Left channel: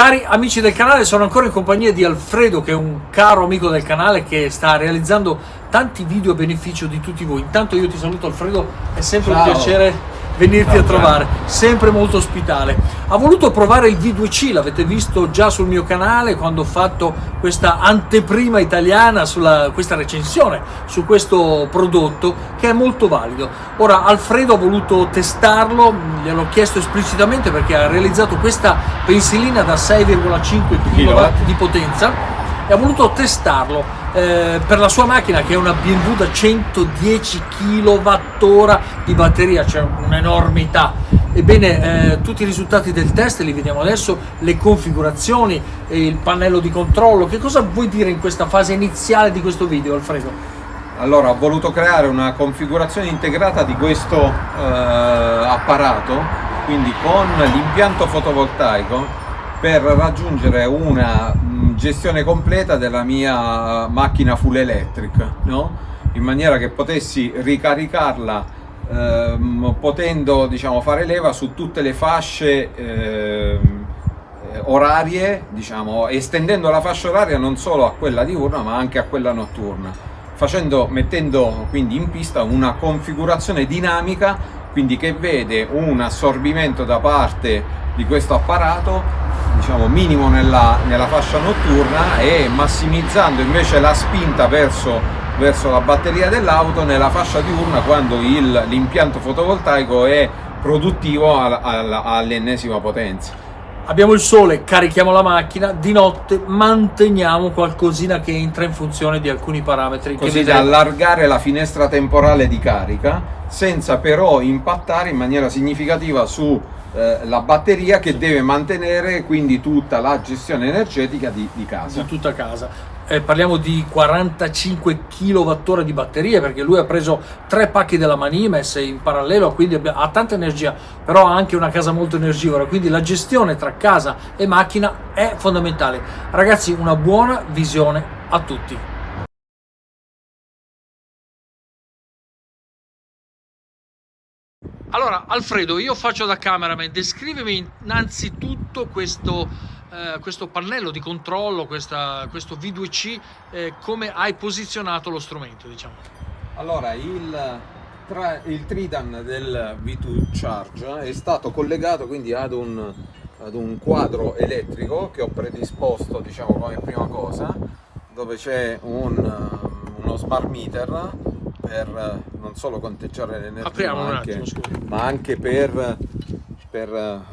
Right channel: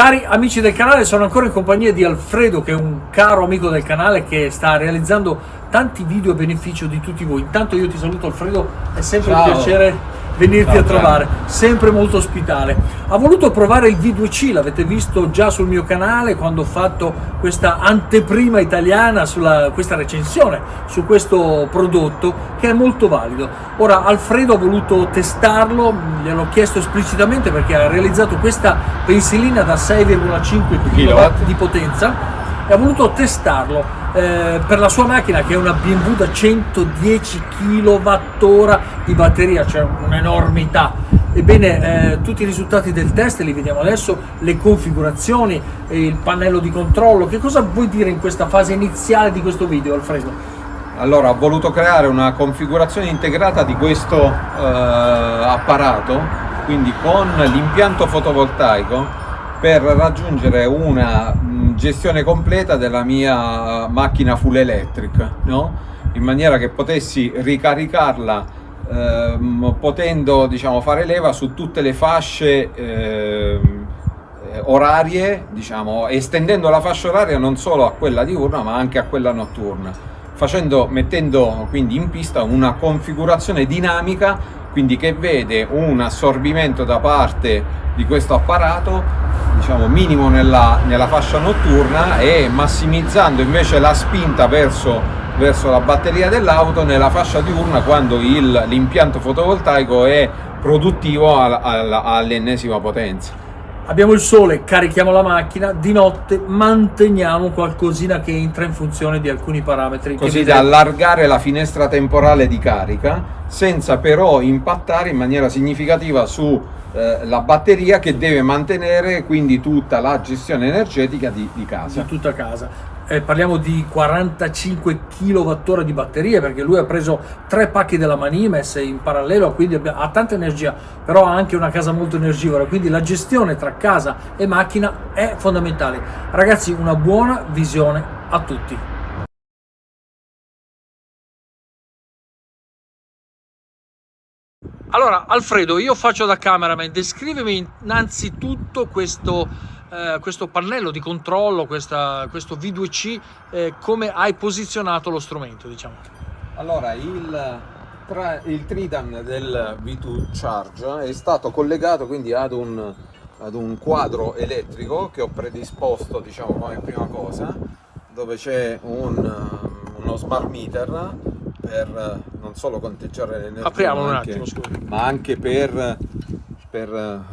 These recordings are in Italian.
Cari amici del canale, sono ancora in compagnia di Alfredo, che è un caro amico del canale che sta realizzando tanti video a beneficio di tutti voi. Intanto io ti saluto Alfredo, è sempre un piacere venirti a trovare, sempre molto ospitale. Ha voluto provare il V2C, l'avete visto già sul mio canale quando ho fatto questa anteprima italiana sulla questa recensione su questo prodotto, che è molto valido. Ora Alfredo ha voluto testarlo, gliel'ho chiesto esplicitamente perché ha realizzato questa pensilina da 6,5 kW di potenza e ha voluto testarlo per la sua macchina, che è una BMW da 110 kWh di batteria, cioè un'enormità. Ebbene, tutti i risultati del test li vediamo adesso, le configurazioni, il pannello di controllo. Che cosa vuoi dire in questa fase iniziale di questo video, Alfredo? Allora, ho voluto creare una configurazione integrata di questo apparato, quindi con l'impianto fotovoltaico, per raggiungere una gestione completa della mia macchina full electric, no? In maniera che potessi ricaricarla potendo, diciamo, fare leva su tutte le fasce orarie, diciamo, estendendo la fascia oraria non solo a quella diurna ma anche a quella notturna, mettendo quindi in pista una configurazione dinamica, quindi che vede un assorbimento da parte di questo apparato, diciamo, minimo nella fascia notturna, e massimizzando invece la spinta verso la batteria dell'auto nella fascia diurna, quando l'impianto fotovoltaico è produttivo all'ennesima potenza. Abbiamo il sole, carichiamo la macchina, di notte manteniamo qualcosina che entra in funzione di alcuni parametri. Così da allargare la finestra temporale di carica, senza però impattare in maniera significativa su la batteria, che deve mantenere quindi tutta la gestione energetica di casa. Di tutta casa. Parliamo di 45 kWh di batterie, perché lui ha preso 3 pacchi della Mani messe in parallelo, quindi ha tanta energia, però ha anche una casa molto energivora, quindi la gestione tra casa e macchina è fondamentale. Ragazzi, una buona visione a tutti. Allora, Alfredo, io faccio da cameraman, descrivimi innanzitutto questo pannello di controllo, questo V2C, come hai posizionato lo strumento, diciamo. Allora, il Tridan del V2 Charge è stato collegato quindi ad un quadro elettrico che ho predisposto, diciamo, come prima cosa, dove c'è uno smart meter per non solo conteggiare l'energia, ma anche per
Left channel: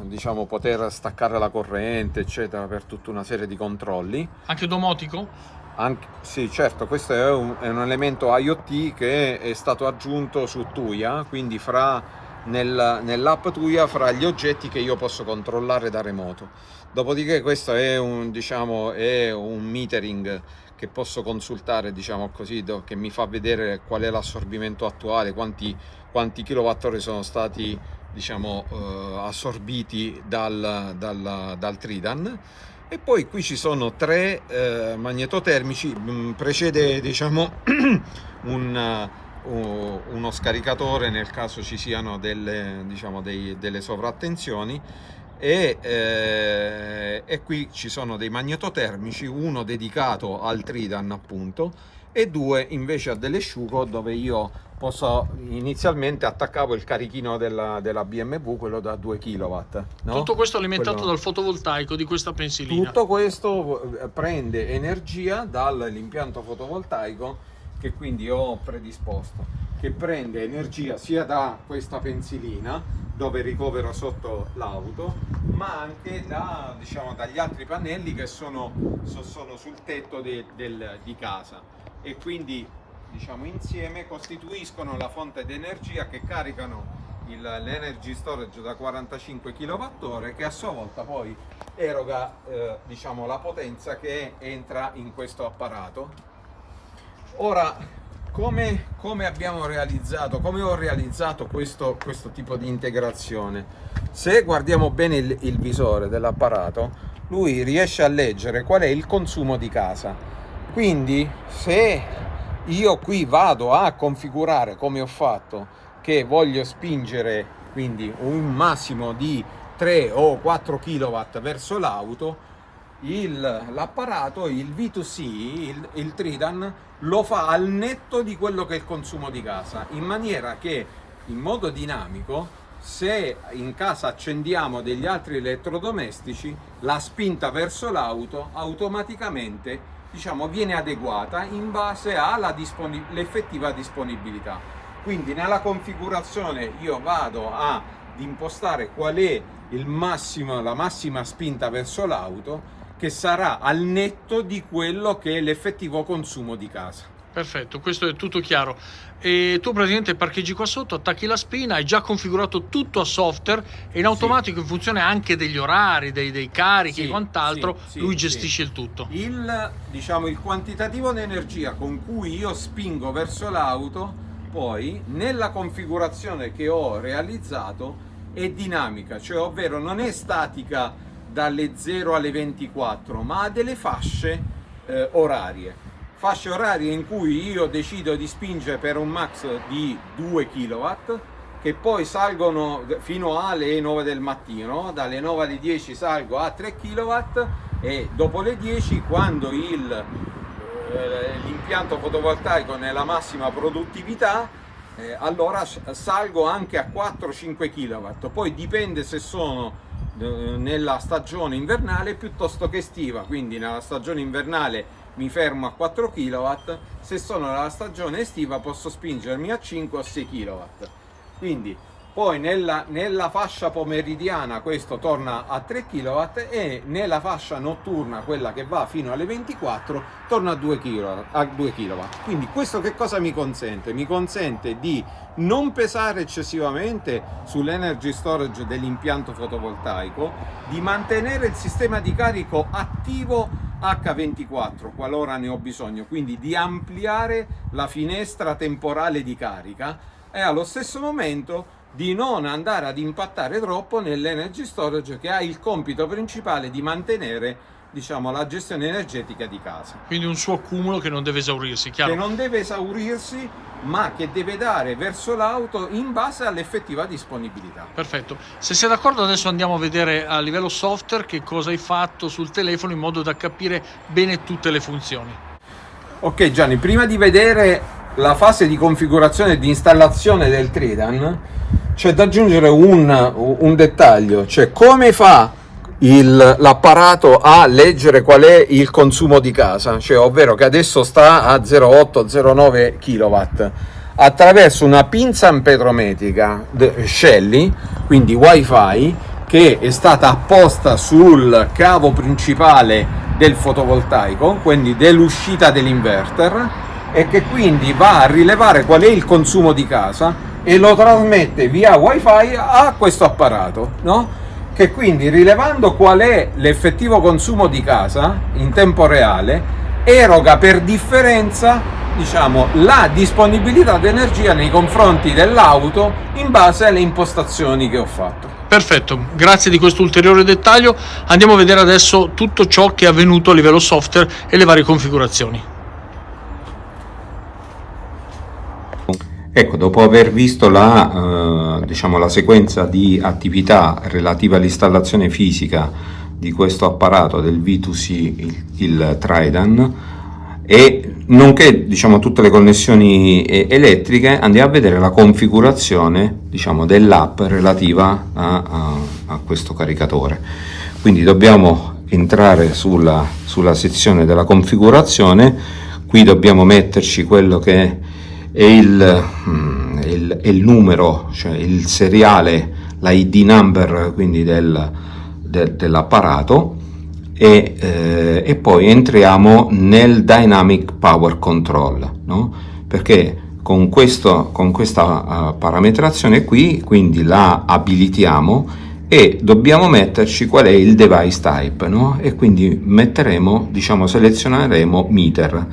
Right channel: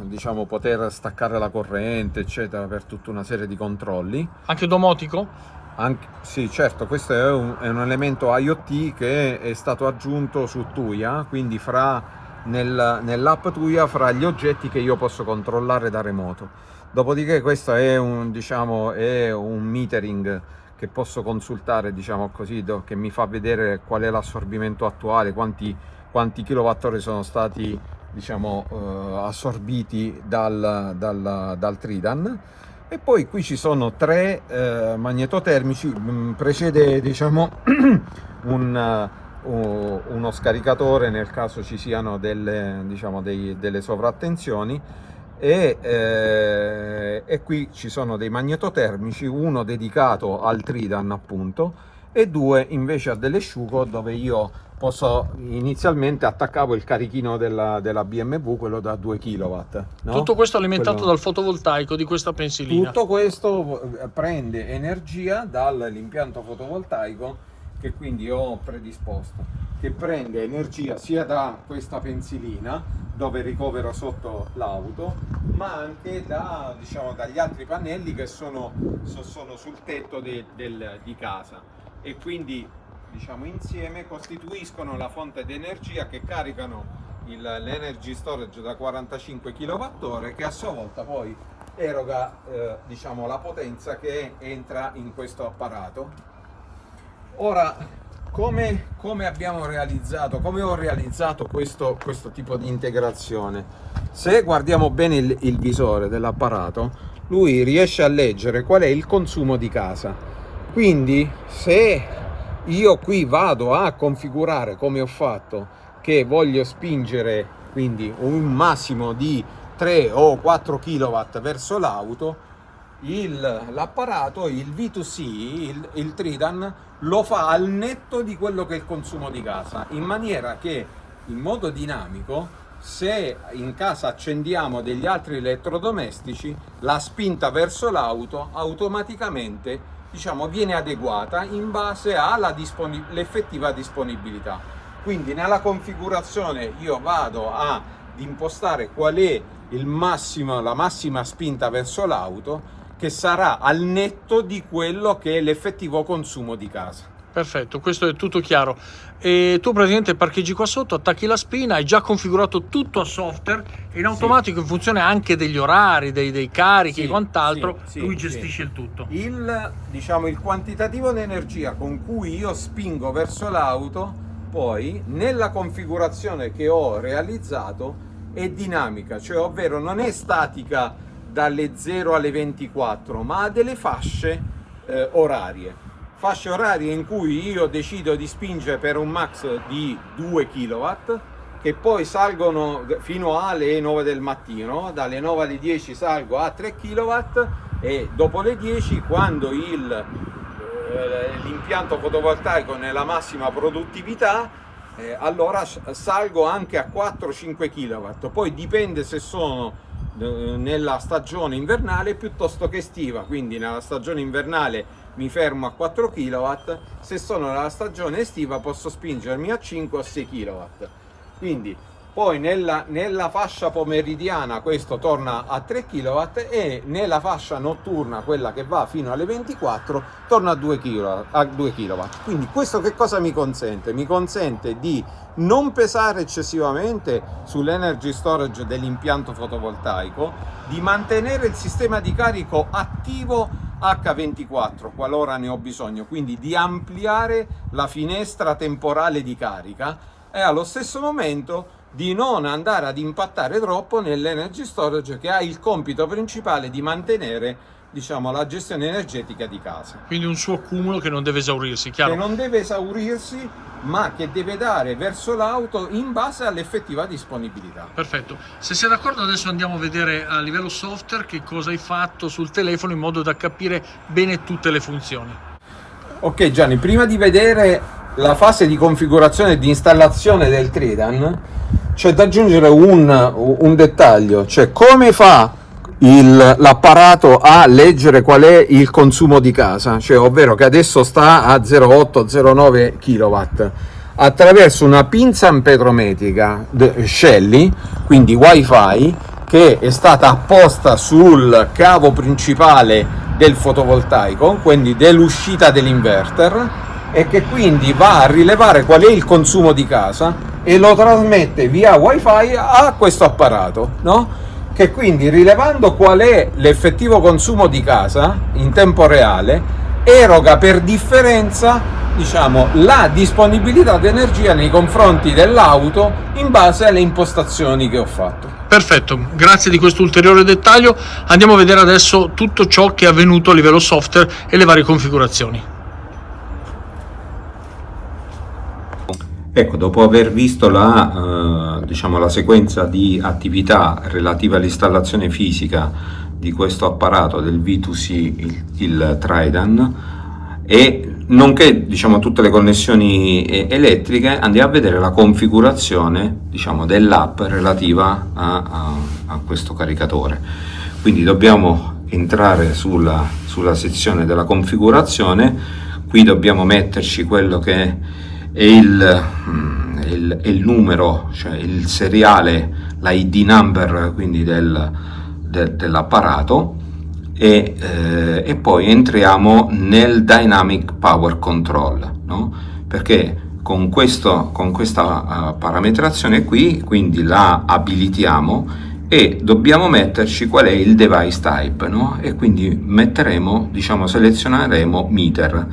diciamo, poter staccare la corrente, eccetera, per tutta una serie di controlli. Anche domotico? Sì, certo, questo è un elemento IoT che è stato aggiunto su Tuya, quindi nell'app Tuya, fra gli oggetti che io posso controllare da remoto. Dopodiché questo è un metering che posso consultare, diciamo così, che mi fa vedere qual è l'assorbimento attuale, quanti kilowattora sono stati, diciamo, assorbiti dal Tridan. E poi qui ci sono 3 magnetotermici, precede, diciamo, uno scaricatore nel caso ci siano delle sovrattensioni, e qui ci sono dei magnetotermici, uno dedicato al Tridan appunto e 2 invece a dell'asciugo, dove io inizialmente attaccavo il carichino della BMW, quello da 2 kW, no? Tutto questo alimentato dal fotovoltaico di questa pensilina. Tutto questo prende energia dall'impianto fotovoltaico che quindi ho predisposto, che prende energia sia da questa pensilina, dove ricovero sotto l'auto, ma anche diciamo, dagli altri pannelli che sono sul tetto di casa, e quindi, diciamo, insieme costituiscono la fonte di energia che caricano l'energy storage da 45 kWh, che a sua volta poi eroga diciamo, la potenza che entra in questo apparato. Ora, come ho realizzato questo tipo di integrazione? Se guardiamo bene il visore dell'apparato, lui riesce a leggere qual è il consumo di casa. Quindi se io qui vado a configurare, come ho fatto, che voglio spingere quindi un massimo di 3 o 4 kW verso l'auto, l'apparato, il V2C, il Tridan, lo fa al netto di quello che è il consumo di casa, in maniera che in modo dinamico, se in casa accendiamo degli altri elettrodomestici, la spinta verso l'auto automaticamente, diciamo, viene adeguata in base all'effettiva disponibilità. Quindi nella configurazione io vado ad impostare qual è la massima spinta verso l'auto, che sarà al netto di quello che è l'effettivo consumo di casa. Perfetto, questo è tutto chiaro. E tu praticamente parcheggi qua sotto, attacchi la spina, hai già configurato tutto a software e in automatico, in funzione anche degli orari, dei carichi e quant'altro, lui gestisce il tutto. Diciamo, il quantitativo di energia con cui io spingo verso l'auto, poi nella configurazione che ho realizzato è dinamica, cioè ovvero non è statica dalle 0 alle 24, ma ha delle fasce orarie in cui io decido di spingere per un max di 2 kW, che poi salgono fino alle 9 del mattino, dalle 9 alle 10 salgo a 3 kW e dopo le 10, quando l'impianto fotovoltaico è nella massima produttività, allora salgo anche a 4-5 kW, poi dipende se sono nella stagione invernale piuttosto che estiva, quindi nella stagione invernale mi fermo a 4 kW, se sono nella stagione estiva posso spingermi a 5 o 6 kW. Quindi poi nella fascia pomeridiana questo torna a 3 kW e nella fascia notturna, quella che va fino alle 24, torna a 2 kW. Quindi questo che cosa mi consente? Mi consente di non pesare eccessivamente sull'energy storage dell'impianto fotovoltaico, di mantenere il sistema di carico attivo H24 qualora ne ho bisogno, quindi di ampliare la finestra temporale di carica e allo stesso momento di non andare ad impattare troppo nell'energy storage, che ha il compito principale di mantenere, diciamo, la gestione energetica di casa. Quindi un suo accumulo che non deve esaurirsi, chiaro? Che non deve esaurirsi, ma che deve dare verso l'auto in base all'effettiva disponibilità. Perfetto. Se sei d'accordo, adesso andiamo a vedere a livello software che cosa hai fatto sul telefono, in modo da capire bene tutte le funzioni. Ok Gianni, prima di vedere la fase di configurazione e di installazione del Tridan, c'è da aggiungere un dettaglio, cioè come fa l'apparato a leggere qual è il consumo di casa, cioè ovvero che adesso sta a 0,8-0,9 kW, attraverso una pinza amperometrica Shelly, quindi Wi-Fi, che è stata apposta sul cavo principale del fotovoltaico, quindi dell'uscita dell'inverter, e che quindi va a rilevare qual è il consumo di casa e lo trasmette via Wi-Fi a questo apparato, no? Che quindi, rilevando qual è l'effettivo consumo di casa in tempo reale, eroga per differenza, diciamo, la disponibilità di energia nei confronti dell'auto in base alle impostazioni che ho fatto. Perfetto, grazie di questo ulteriore dettaglio. Andiamo a vedere adesso tutto ciò che è avvenuto a livello software e le varie configurazioni. Ecco, dopo aver visto diciamo, la sequenza di attività relativa all'installazione fisica di questo apparato del V2C, il Tridan, e nonché, diciamo, tutte le connessioni elettriche, andiamo a vedere la configurazione, diciamo, dell'app relativa a questo caricatore. Quindi dobbiamo entrare sulla sezione della configurazione. Qui dobbiamo metterci quello che è il numero, cioè il seriale, la ID number, quindi dell'apparato, e poi entriamo nel Dynamic Power Control, no? Perché con questa parametrazione qui, quindi la abilitiamo e dobbiamo metterci qual è il device type, no? E quindi metteremo, diciamo, selezioneremo meter,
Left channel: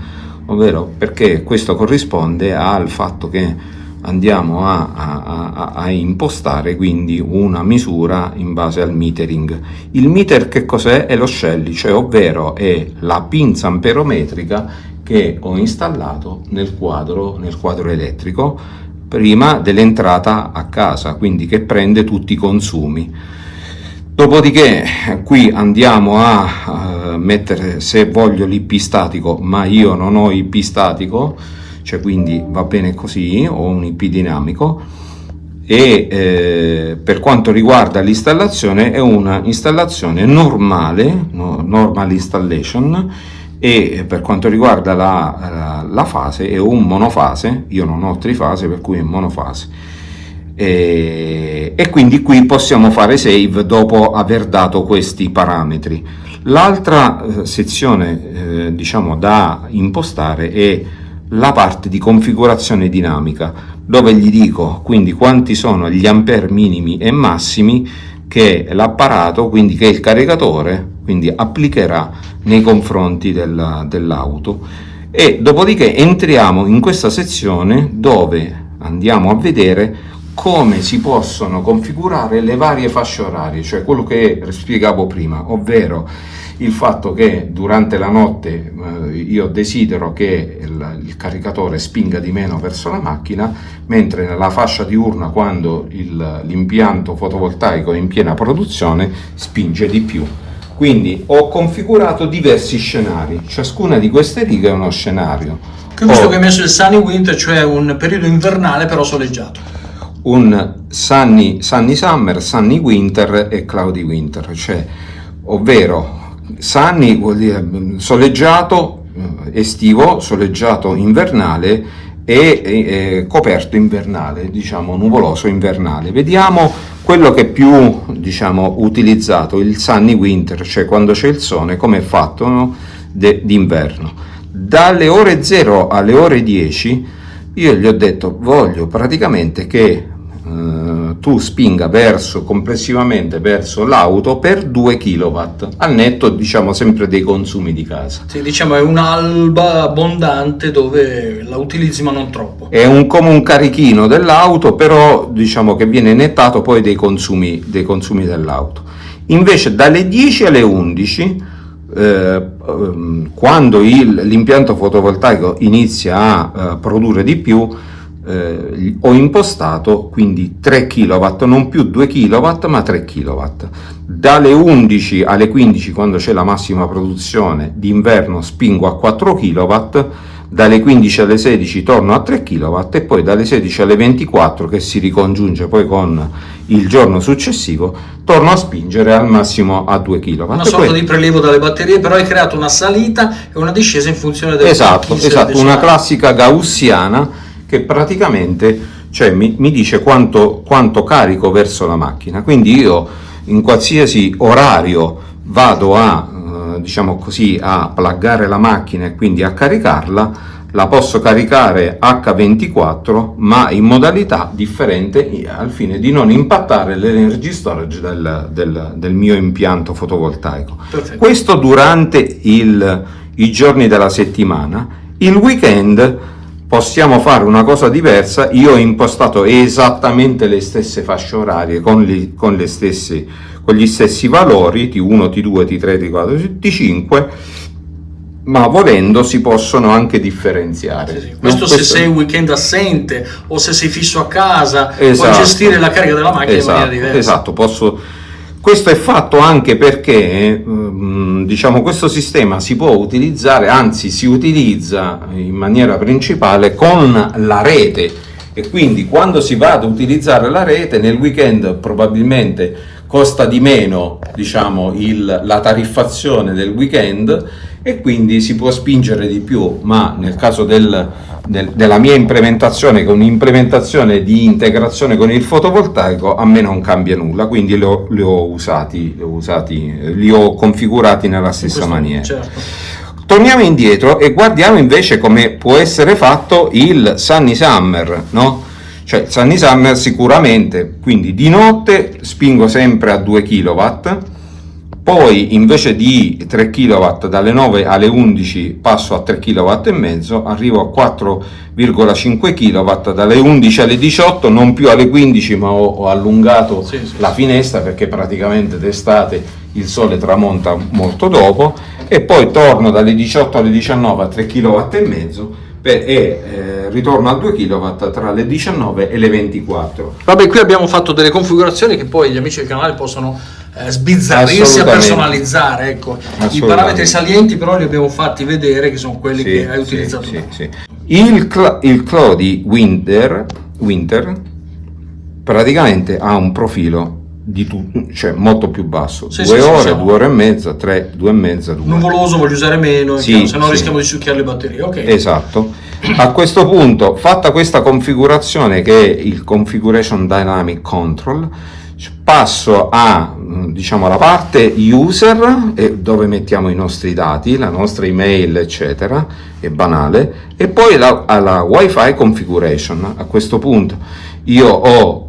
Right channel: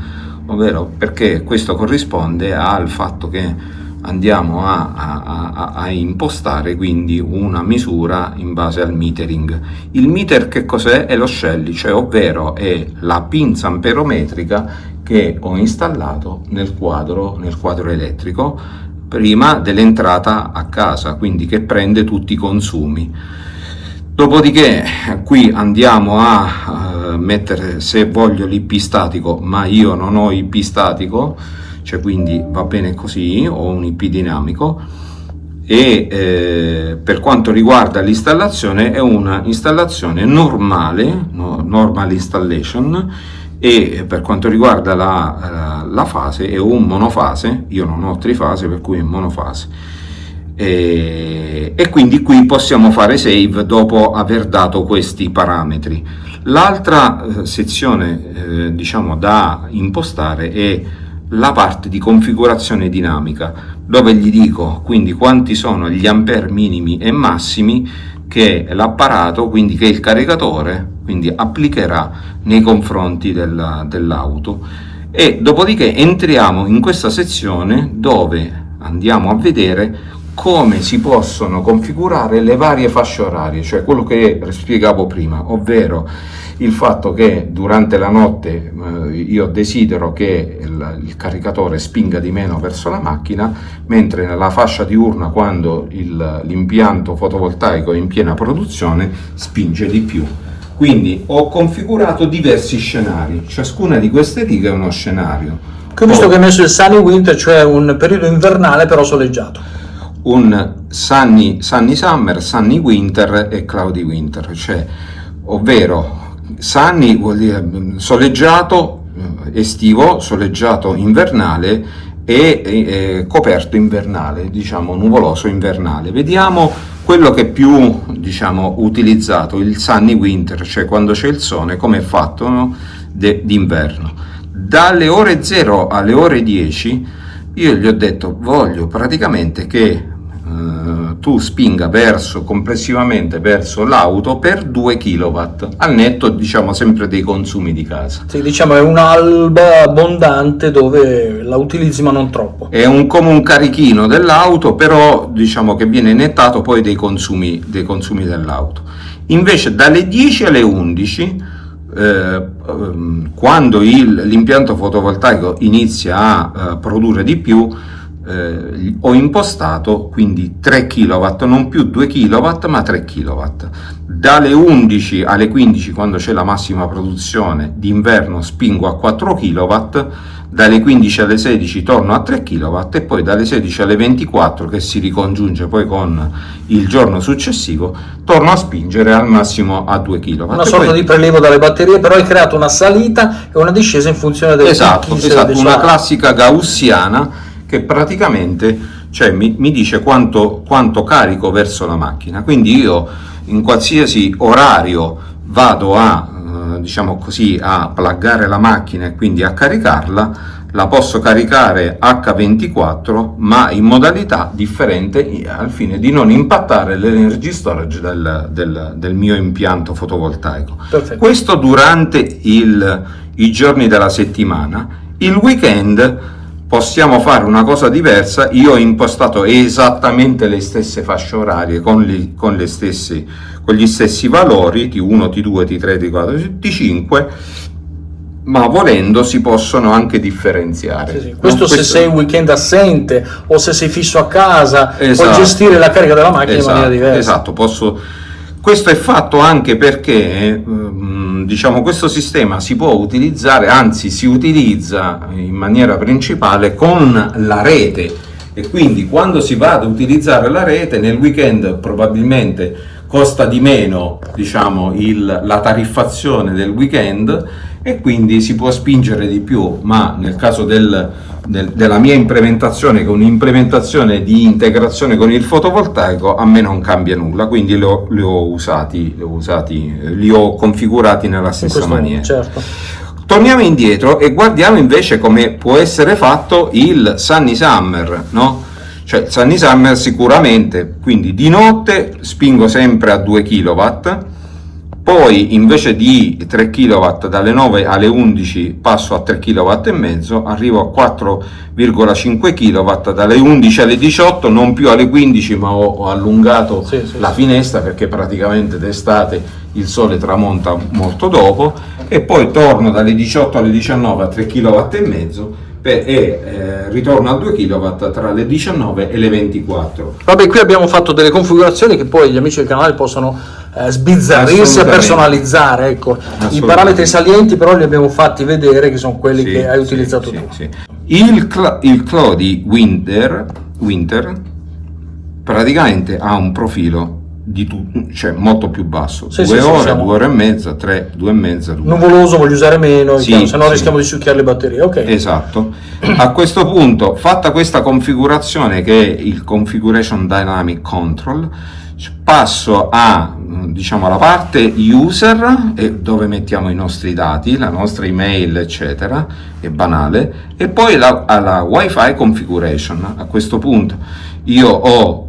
ovvero perché questo corrisponde al fatto che andiamo a impostare quindi una misura in base al metering. Il meter che cos'è? È lo Shelly, cioè ovvero è la pinza amperometrica che ho installato nel quadro elettrico prima dell'entrata a casa, quindi che prende tutti i consumi. Dopodiché qui andiamo a mettere, se voglio, l'IP statico, ma io non ho IP statico, cioè quindi va bene così, ho un IP dinamico. E per quanto riguarda l'installazione, è una installazione normale, normal installation, e per quanto riguarda la fase è un monofase, io non ho trifase per cui è monofase, e quindi qui possiamo fare save dopo aver dato questi parametri. L'altra sezione diciamo da impostare è la parte di configurazione dinamica, dove gli dico quindi quanti sono gli ampere minimi e massimi che l'apparato, quindi che il caricatore, quindi applicherà nei confronti dell'auto, e dopodiché entriamo in questa sezione dove andiamo a vedere come si possono configurare le varie fasce orarie, cioè quello che spiegavo prima, ovvero il fatto che durante la notte io desidero che il caricatore spinga di meno verso la macchina, mentre nella fascia diurna, quando l'impianto fotovoltaico è in piena produzione, spinge di più. Quindi ho configurato diversi scenari, ciascuna di queste righe è uno scenario. Qui ho visto che hai messo il sunny winter, cioè un periodo invernale però soleggiato. Un sunny summer, sunny winter e cloudy winter, cioè ovvero sunny vuol dire soleggiato estivo, soleggiato invernale e coperto invernale, diciamo nuvoloso invernale. Vediamo quello che è più, diciamo, utilizzato, il sunny winter, cioè quando c'è il sole, come è fatto, no? D'inverno. Dalle ore 0 alle ore 10 io gli ho detto voglio praticamente che tu spinga complessivamente verso l'auto per 2 kW, al netto, diciamo, sempre dei consumi di casa. Sì, diciamo è un'alba abbondante dove la utilizzi ma non troppo. È come un carichino dell'auto, però diciamo che viene nettato poi dei consumi dell'auto. Invece dalle 10 alle 11, quando l'impianto fotovoltaico inizia a produrre di più, ho impostato quindi 3 kW, non più 2 kW ma 3 kW. Dalle 11 alle 15, quando c'è la massima produzione d'inverno, spingo a 4 kW, dalle 15 alle 16 torno a 3 kW e poi dalle 16 alle 24, che si ricongiunge poi con il giorno successivo, torno a spingere al massimo a 2 kW. Una sorta di prelievo dalle batterie, però hai creato una salita e una discesa in funzione del esatto, una classica gaussiana che praticamente, cioè, mi dice quanto carico verso la macchina. Quindi io in qualsiasi orario vado a diciamo così, a pluggare la macchina e quindi a caricarla, la posso caricare H24 ma in modalità differente, al fine di non impattare l'energy storage del mio impianto fotovoltaico. Perfetto. Questo durante i giorni della settimana. Il weekend possiamo fare una cosa diversa. Io ho impostato esattamente le stesse fasce orarie con gli stessi valori T1, T2, T3, T4, T5, ma volendo si possono anche differenziare. Sì. Questo se sei un weekend assente o se sei fisso a casa, esatto, puoi gestire la carica della macchina in maniera diversa. Esatto, questo è fatto anche perché diciamo questo sistema si può utilizzare, anzi si utilizza in maniera principale con la rete, e quindi quando si va ad utilizzare la rete nel weekend probabilmente costa di meno, diciamo, la tariffazione del weekend, e quindi si può spingere di più, ma nel caso della mia implementazione, che è un'implementazione di integrazione con il fotovoltaico, a me non cambia nulla, quindi li ho configurati nella stessa maniera. Certo. Torniamo indietro e guardiamo invece come può essere fatto il Sunny Summer, no? Cioè Sunny Summer sicuramente, quindi di notte spingo sempre a 2 kW, poi invece di 3 kW dalle 9 alle 11 passo a 3 kW e mezzo, arrivo a 4,5 kW dalle 11 alle 18, non più alle 15, ma ho allungato la finestra perché praticamente d'estate il sole tramonta molto dopo, e poi torno dalle 18 alle 19 a 3 kW e mezzo e ritorno a 2 kW tra le 19 e le 24. Vabbè, qui abbiamo fatto delle configurazioni che poi gli amici del canale possono sbizzarrirsi a Assolutamente. personalizzare. Ecco, i Assolutamente. parametri salienti però li abbiamo fatti vedere, che sono quelli che hai utilizzato tu. Sì. Il Clo di Winter praticamente ha un profilo cioè molto più basso, Sì, 2 sì, ore, siamo- 2 ore e mezza, 3, 2 e mezza, 2. Nuvoloso voglio usare meno, Sì, se no sì. rischiamo di succhiare le batterie. Ok. Esatto. A questo punto, fatta questa configurazione che è il Configuration Dynamic Control, passo a, diciamo, alla parte user, dove mettiamo i nostri dati, la nostra email, eccetera, è banale, e poi alla Wi-Fi configuration. A questo punto io ho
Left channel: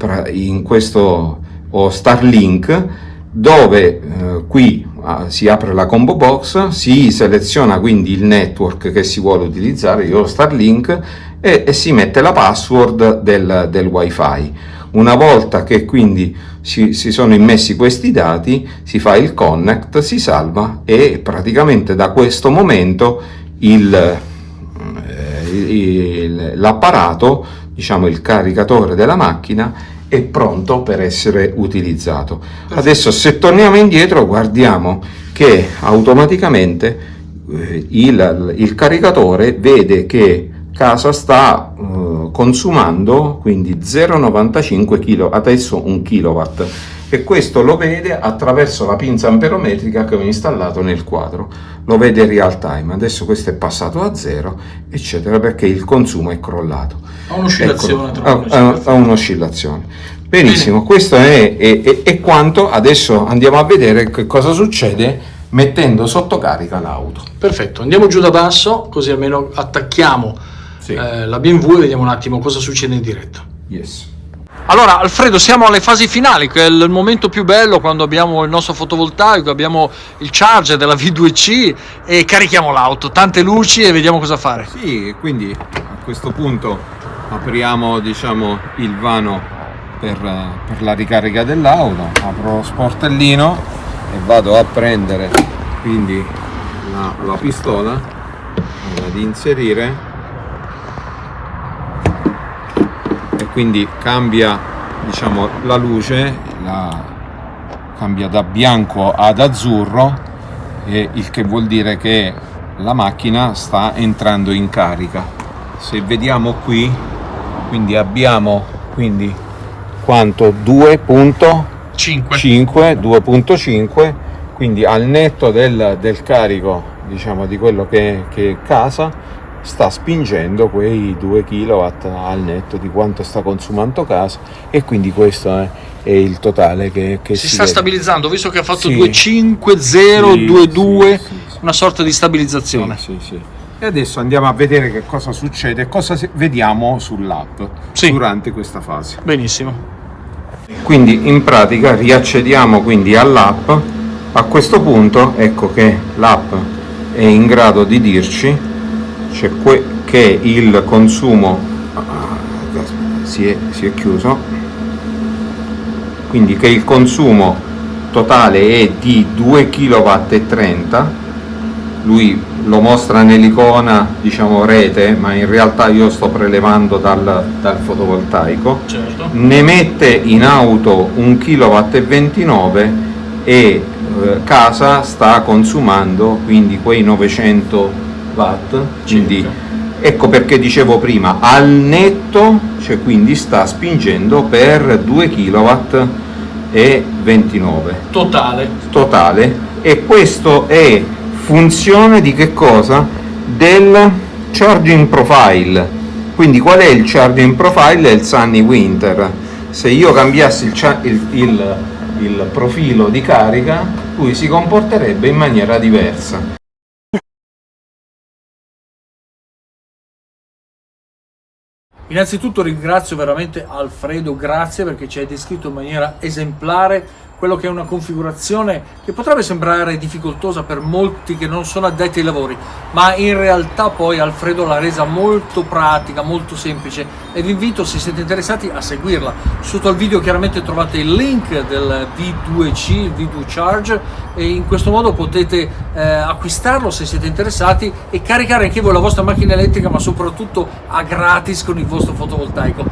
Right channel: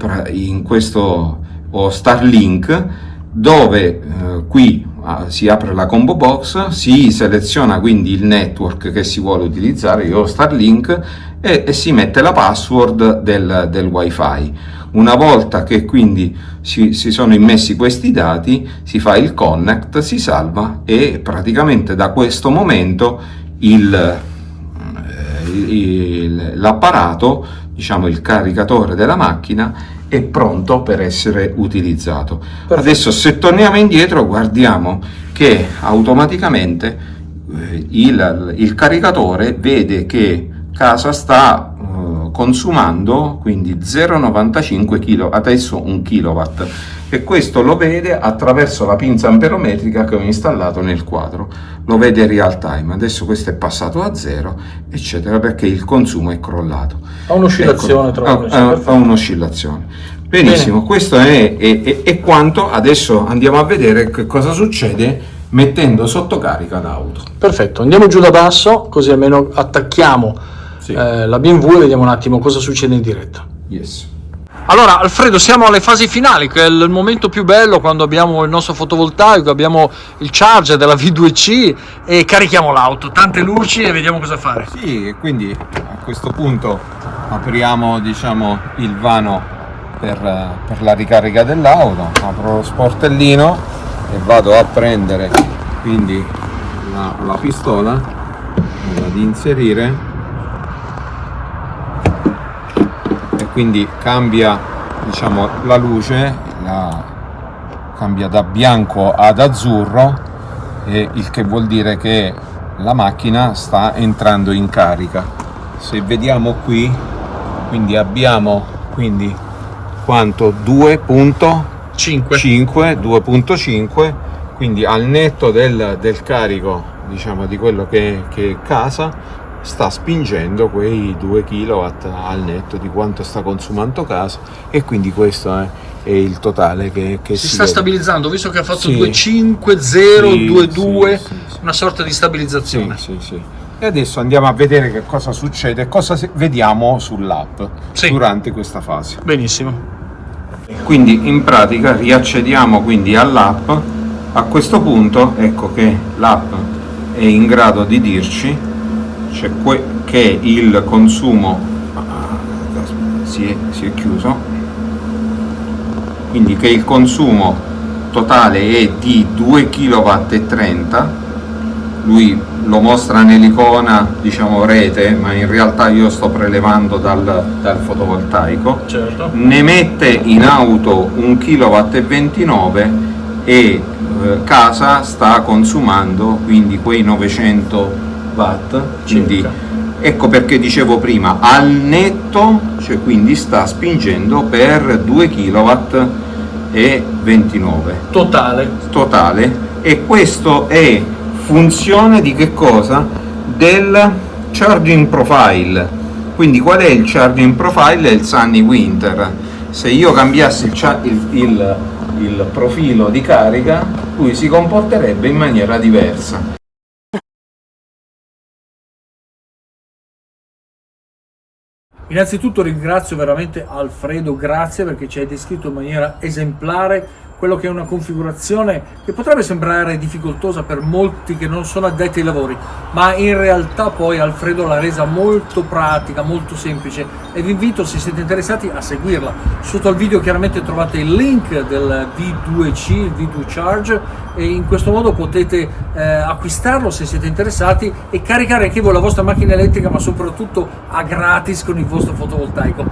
ho Starlink, dove qui si apre la combo box, si seleziona quindi il network che si vuole utilizzare, io ho Starlink, e si mette la password del Wi-Fi. Una volta che quindi si sono immessi questi dati, si fa il connect, si salva, e praticamente da questo momento l'apparato, diciamo il caricatore della macchina, è pronto per essere utilizzato. Perfetto. Adesso, se torniamo indietro, guardiamo che automaticamente il caricatore vede che casa sta consumando quindi 0,95 kg, adesso 1 kW, e questo lo vede attraverso la pinza amperometrica che ho installato nel quadro, lo vede in real time. Adesso questo è passato a 0, eccetera, perché il consumo è crollato. Ha un'oscillazione Ha un'oscillazione. Benissimo. Bene. Questo è quanto. Adesso andiamo a vedere che cosa succede mettendo sotto carica l'auto. Perfetto, andiamo giù da basso, così almeno attacchiamo la BMW e vediamo un attimo cosa succede in diretta. Yes. Allora Alfredo, siamo alle fasi finali, che è il momento più bello, quando abbiamo il nostro fotovoltaico, abbiamo il charger della V2C e carichiamo l'auto, tante luci e vediamo cosa fare. Sì, e quindi a questo punto apriamo, diciamo, il vano per la ricarica dell'auto, apro lo sportellino e vado a prendere quindi la pistola, vado ad inserire, e quindi cambia, diciamo, la luce, cambia da bianco ad azzurro, il che vuol dire che la macchina sta entrando in carica. Se vediamo qui, quindi abbiamo quanto? 2.5, quindi al netto del carico, diciamo, di quello che è casa, sta spingendo quei 2 kW al netto di quanto sta consumando casa, e quindi questo è il totale che Si sta vede. stabilizzando, visto che ha fatto Sì. 2.5, 0, Sì, 2.2, sì. una sorta di stabilizzazione. Sì. E adesso andiamo a vedere che cosa succede, cosa vediamo sull'app durante questa fase. Benissimo. Quindi in pratica riaccediamo quindi all'app. A questo punto ecco che l'app è in grado di dirci che il consumo si è chiuso, quindi che il consumo totale è di 2,30 kW. Lui lo mostra nell'icona, diciamo, rete, ma in realtà io sto prelevando dal fotovoltaico. Certo. Ne mette in auto 1,29 kW e casa sta consumando quindi quei 900 watt, quindi Circa. ecco perché dicevo prima al netto, cioè quindi sta spingendo per 2,29 kW totale, e questo è funzione di che cosa? Del charging profile. Quindi qual è il charging profile? È il Sunny Winter. Se io cambiassi il profilo di carica, lui si comporterebbe in maniera diversa. Innanzitutto ringrazio veramente Alfredo, grazie, perché ci hai descritto in maniera esemplare quello che è una configurazione che potrebbe sembrare difficoltosa per molti che non sono addetti ai lavori, ma in realtà poi Alfredo l'ha resa molto pratica, molto semplice, e vi invito, se siete interessati, a seguirla. Sotto al video chiaramente trovate il link del V2C, il V2 Charge, e in questo modo potete acquistarlo se siete interessati e caricare anche voi la vostra macchina elettrica, ma soprattutto a gratis con il vostro fotovoltaico.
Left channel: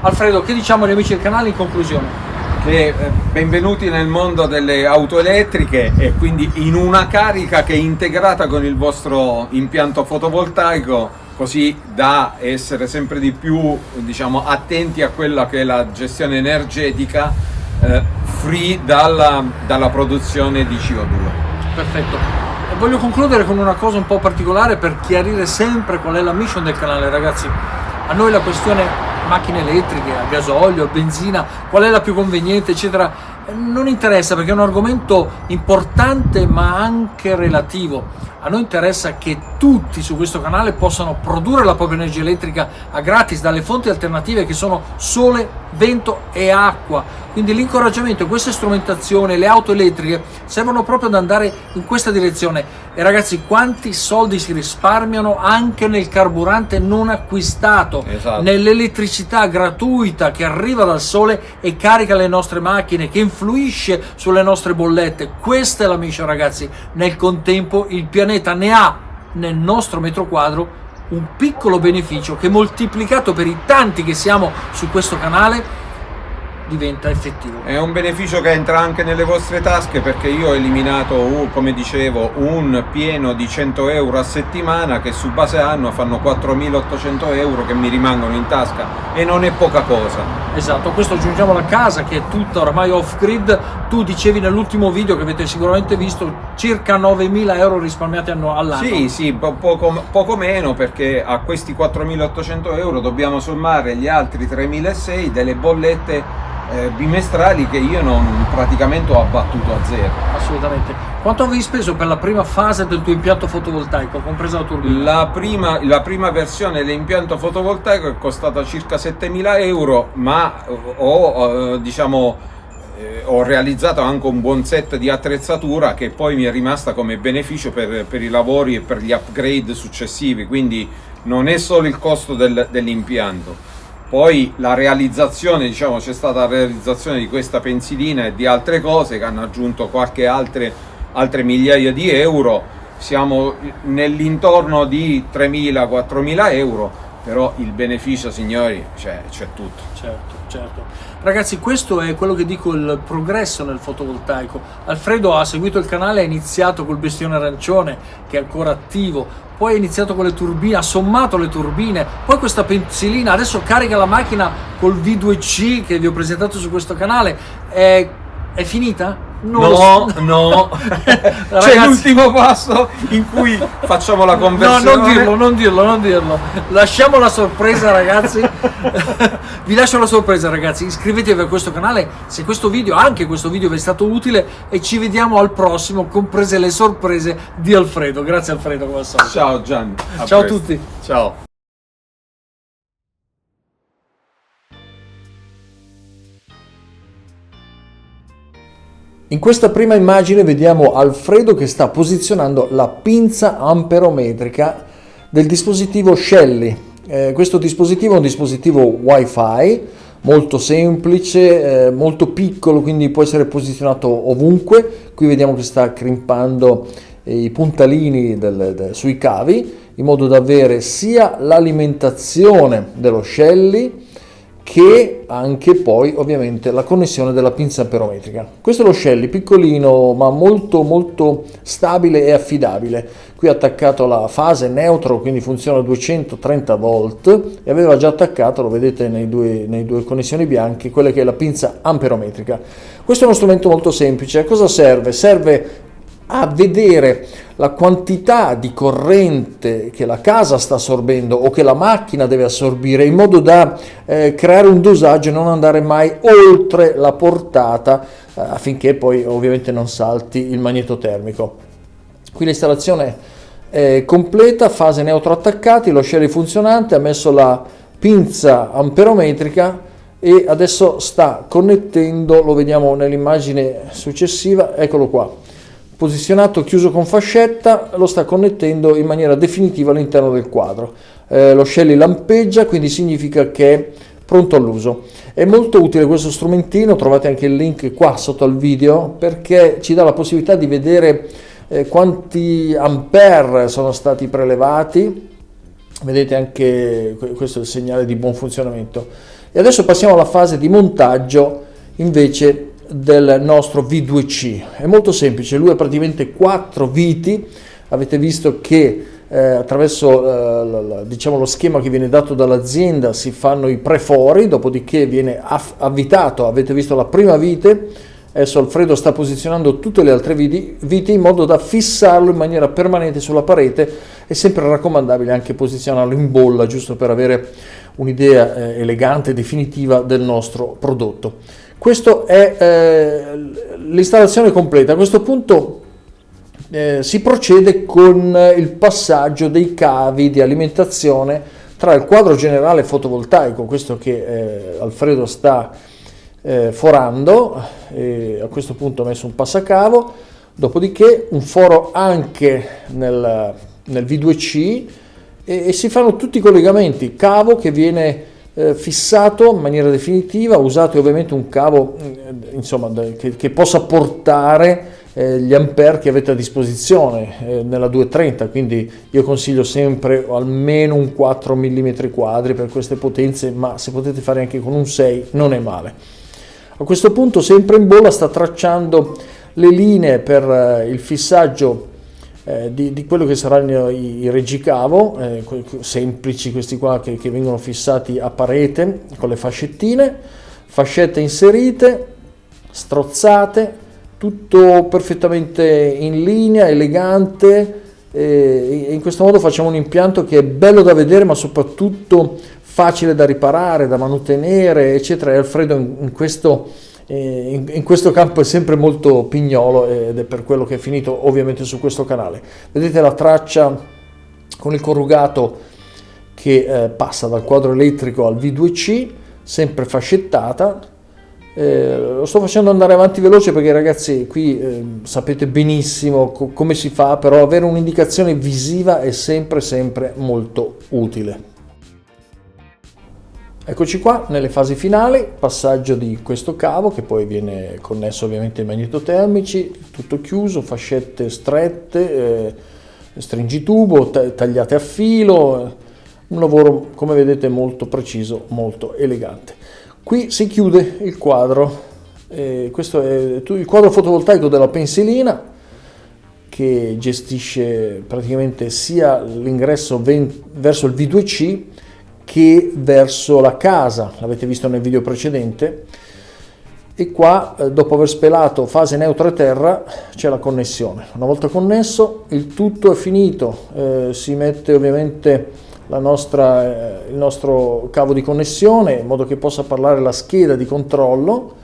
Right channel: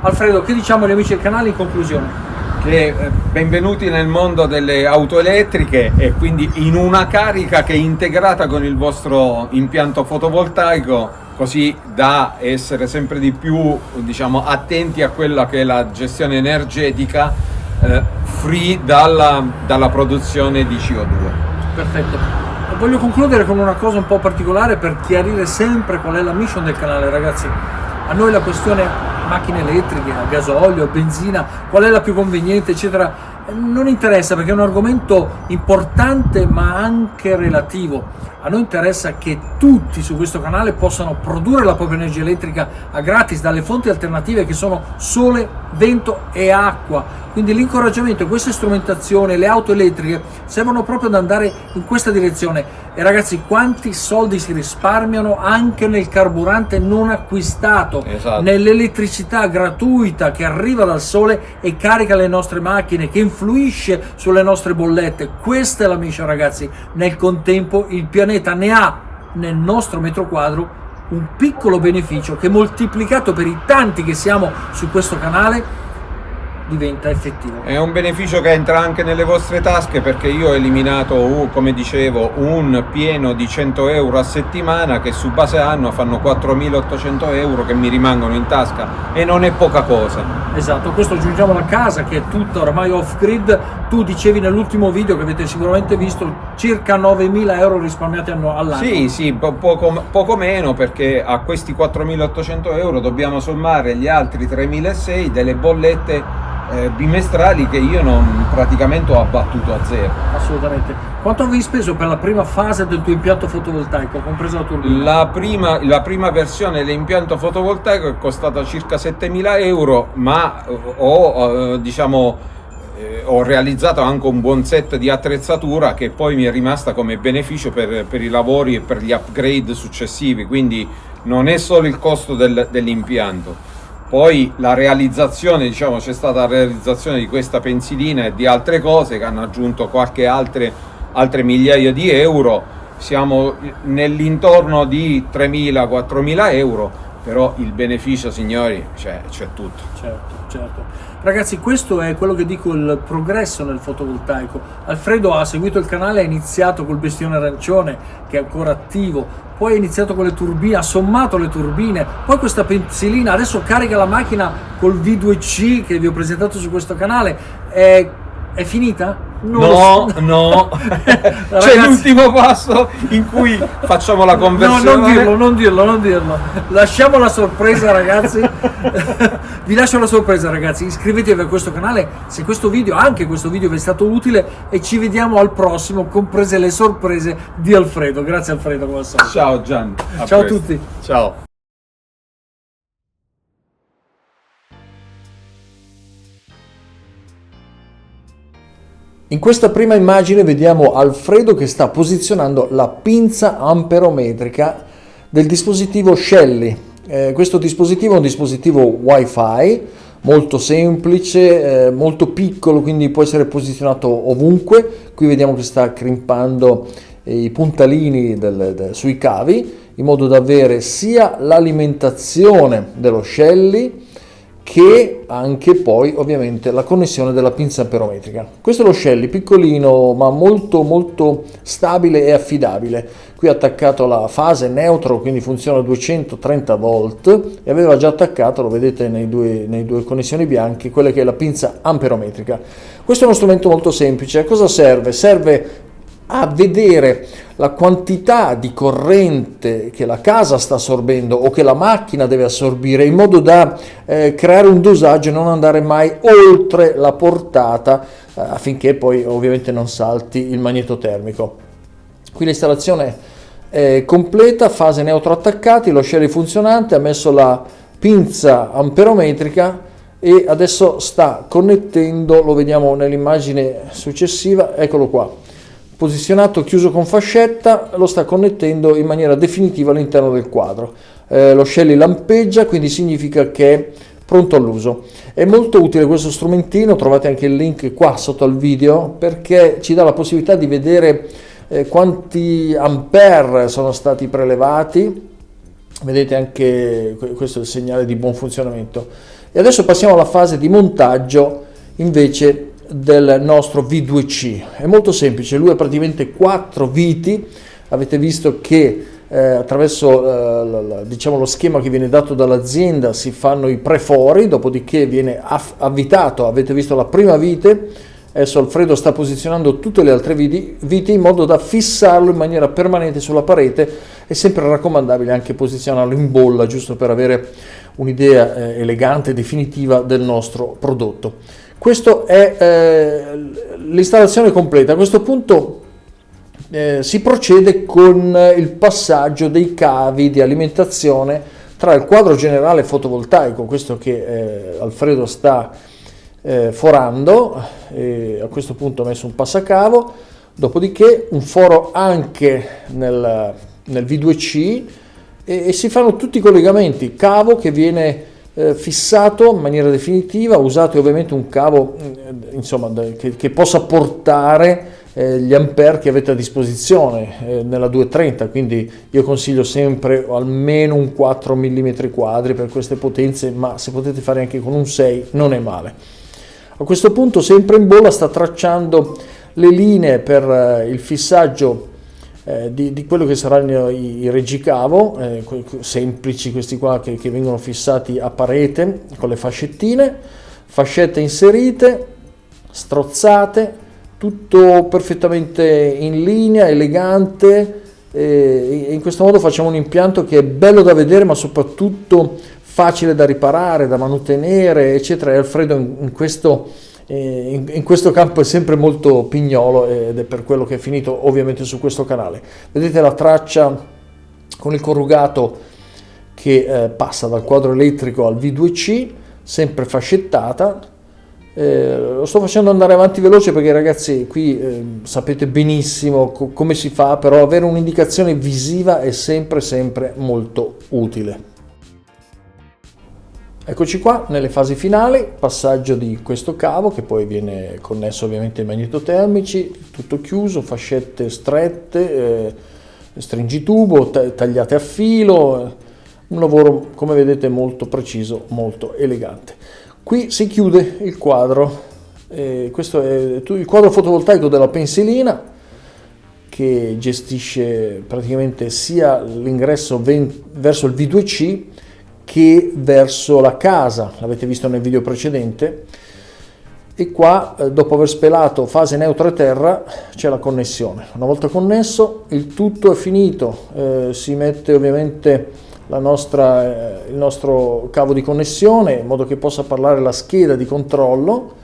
Alfredo, che diciamo agli amici del canale in conclusione? Benvenuti nel mondo delle auto elettriche, e quindi in una carica che è integrata con il vostro impianto fotovoltaico, così da essere sempre di più, diciamo, attenti a quella che è la gestione energetica free dalla produzione di CO2. Perfetto. E voglio concludere con una cosa un po' particolare per chiarire sempre qual è la mission del canale, ragazzi. A noi la questione macchine elettriche, a gasolio, a benzina, qual è la più conveniente, eccetera, non interessa, perché è un argomento importante ma anche relativo. A noi interessa che tutti su questo canale possano produrre la propria energia elettrica a gratis dalle fonti alternative che sono sole, vento e acqua. Quindi l'incoraggiamento, questa strumentazione, le auto elettriche servono proprio ad andare in questa direzione. E ragazzi, quanti soldi si risparmiano anche nel carburante non acquistato, esatto, nell'elettricità gratuita che arriva dal sole e carica le nostre macchine, che influisce sulle nostre bollette. Questa è la mission, ragazzi. Nel contempo il pianeta ne ha nel nostro metro quadro un piccolo beneficio che, moltiplicato per i tanti che siamo su questo canale, diventa effettivo. È un beneficio che entra anche nelle vostre tasche, perché io ho eliminato, come dicevo, un pieno di 100 euro a settimana, che su base anno fanno 4.800 euro che mi rimangono in tasca, e non è poca cosa. Esatto, questo aggiungiamo la casa che è tutta ormai off grid. Tu dicevi nell'ultimo video, che avete sicuramente visto, circa 9.000 euro risparmiati all'anno. Sì, poco meno, perché a questi 4.800 euro dobbiamo sommare gli altri 3.600 delle bollette bimestrali che io praticamente ho abbattuto a zero. Assolutamente. Quanto avevi speso per la prima fase del tuo impianto fotovoltaico, compresa la turbina? La prima versione dell'impianto fotovoltaico è costata circa 7.000 euro, ma ho realizzato anche un buon set di attrezzatura che poi mi è rimasta come beneficio per i lavori e per gli upgrade successivi, quindi non è solo il costo dell'impianto. Poi la realizzazione, c'è stata la realizzazione di questa pensilina e di altre cose che hanno aggiunto qualche altre migliaia di euro. Siamo nell'intorno di 3.000-4.000 euro, però il beneficio, signori, c'è tutto. Certo. Ragazzi, questo è quello che dico, il progresso nel fotovoltaico. Alfredo ha seguito il canale, ha iniziato col bestione arancione, che è ancora attivo, poi ha iniziato con le turbine, ha sommato le turbine, poi questa pensilina, adesso carica la macchina col V2C che vi ho presentato su questo canale. È finita? No. Ragazzi, c'è l'ultimo passo in cui facciamo la conversione. No, non dirlo. Lasciamo la sorpresa, ragazzi. Vi lascio la sorpresa, ragazzi. Iscrivetevi a questo canale se anche questo video vi è stato utile, e ci vediamo al prossimo, comprese le sorprese di Alfredo. Grazie Alfredo, come al solito. Ciao Gianni. Ciao a tutti. Ciao. In questa prima immagine vediamo Alfredo che sta posizionando la pinza amperometrica del dispositivo Shelly. Questo dispositivo è un dispositivo Wi-Fi molto semplice, molto piccolo, quindi può essere posizionato ovunque. Qui vediamo che sta crimpando i puntalini sui cavi, in modo da avere sia l'alimentazione dello Shelly che anche poi ovviamente la connessione della pinza amperometrica. Questo è lo Shelly, piccolino ma molto stabile e affidabile. Qui ha attaccato la fase neutro, quindi funziona a 230 volt, e aveva già attaccato, lo vedete nei due connessioni bianche, quella che è la pinza amperometrica. Questo è uno strumento molto semplice. A cosa serve? Serve a vedere la quantità di corrente che la casa sta assorbendo o che la macchina deve assorbire, in modo da creare un dosaggio e non andare mai oltre la portata, affinché poi ovviamente non salti il magnetotermico. Qui l'installazione è completa, fase neutro attaccati, lo Shelly funzionante, ha messo la pinza amperometrica e adesso sta connettendo, lo vediamo nell'immagine successiva, eccolo qua. Posizionato, chiuso con fascetta, lo sta connettendo in maniera definitiva all'interno del quadro. Lo Shelly lampeggia, quindi significa che è pronto all'uso. È molto utile questo strumentino, trovate anche il link qua sotto al video, perché ci dà la possibilità di vedere quanti ampere sono stati prelevati. Vedete anche questo è il segnale di buon funzionamento. E adesso passiamo alla fase di montaggio invece del nostro V2C. È molto semplice, lui ha praticamente 4 viti. Avete visto che attraverso diciamo lo schema che viene dato dall'azienda si fanno i prefori, dopodiché viene avvitato. Avete visto la prima vite, adesso Alfredo sta posizionando tutte le altre viti in modo da fissarlo in maniera permanente sulla parete. È sempre raccomandabile anche posizionarlo in bolla, giusto per avere un'idea elegante e definitiva del nostro prodotto. Questo è l'installazione completa. A questo punto si procede con il passaggio dei cavi di alimentazione tra il quadro generale fotovoltaico, questo che Alfredo sta forando, a questo punto ho messo un passacavo, dopodiché un foro anche nel V2C e si fanno tutti i collegamenti, cavo che viene fissato in maniera definitiva, usate ovviamente un cavo insomma che possa portare gli ampere che avete a disposizione nella 230, quindi io consiglio sempre almeno un 4 mm quadri per queste potenze, ma se potete fare anche con un 6 non è male. A questo punto, sempre in bolla, sta tracciando le linee per il fissaggio di quello che saranno i reggicavo, semplici questi qua che vengono fissati a parete con le fascettine, fascette inserite, strozzate, tutto perfettamente in linea, elegante, e in questo modo facciamo un impianto che è bello da vedere ma soprattutto facile da riparare, da mantenere, eccetera. E Alfredo in questo campo è sempre molto pignolo ed è per quello che è finito ovviamente su questo canale. Vedete la traccia con il corrugato che passa dal quadro elettrico al V2C, sempre fascettata. Lo sto facendo andare avanti veloce perché ragazzi qui sapete benissimo come si fa, però avere un'indicazione visiva è sempre molto utile. Eccoci qua nelle fasi finali, passaggio di questo cavo che poi viene connesso ovviamente ai magnetotermici, tutto chiuso, fascette strette, stringitubo, tagliate a filo, un lavoro come vedete molto preciso, molto elegante. Qui si chiude il quadro, questo è il quadro fotovoltaico della pensilina che gestisce praticamente sia l'ingresso verso il V2C che verso la casa, l'avete visto nel video precedente, e qua dopo aver spelato fase neutra e terra c'è la connessione. Una volta connesso il tutto è finito, si mette ovviamente il nostro cavo di connessione in modo che possa parlare la scheda di controllo,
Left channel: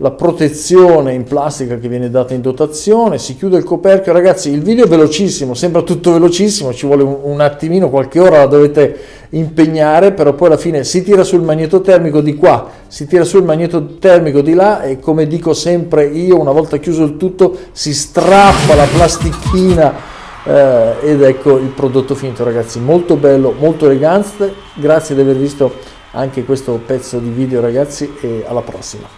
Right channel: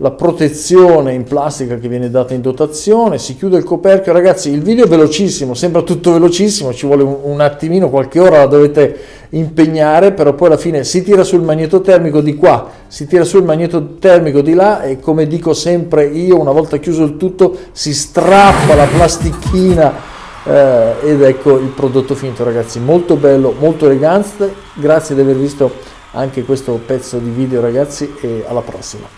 la protezione in plastica che viene data in dotazione, si chiude il coperchio. Ragazzi, il video è velocissimo, sembra tutto velocissimo, ci vuole un attimino, qualche ora la dovete impegnare, però poi alla fine si tira sul magnetotermico di qua, si tira sul magnetotermico di là e, come dico sempre io, una volta chiuso il tutto si strappa la plastichina ed ecco il prodotto finito. Ragazzi, molto bello, molto elegante. Grazie di aver visto anche questo pezzo di video ragazzi, e alla prossima.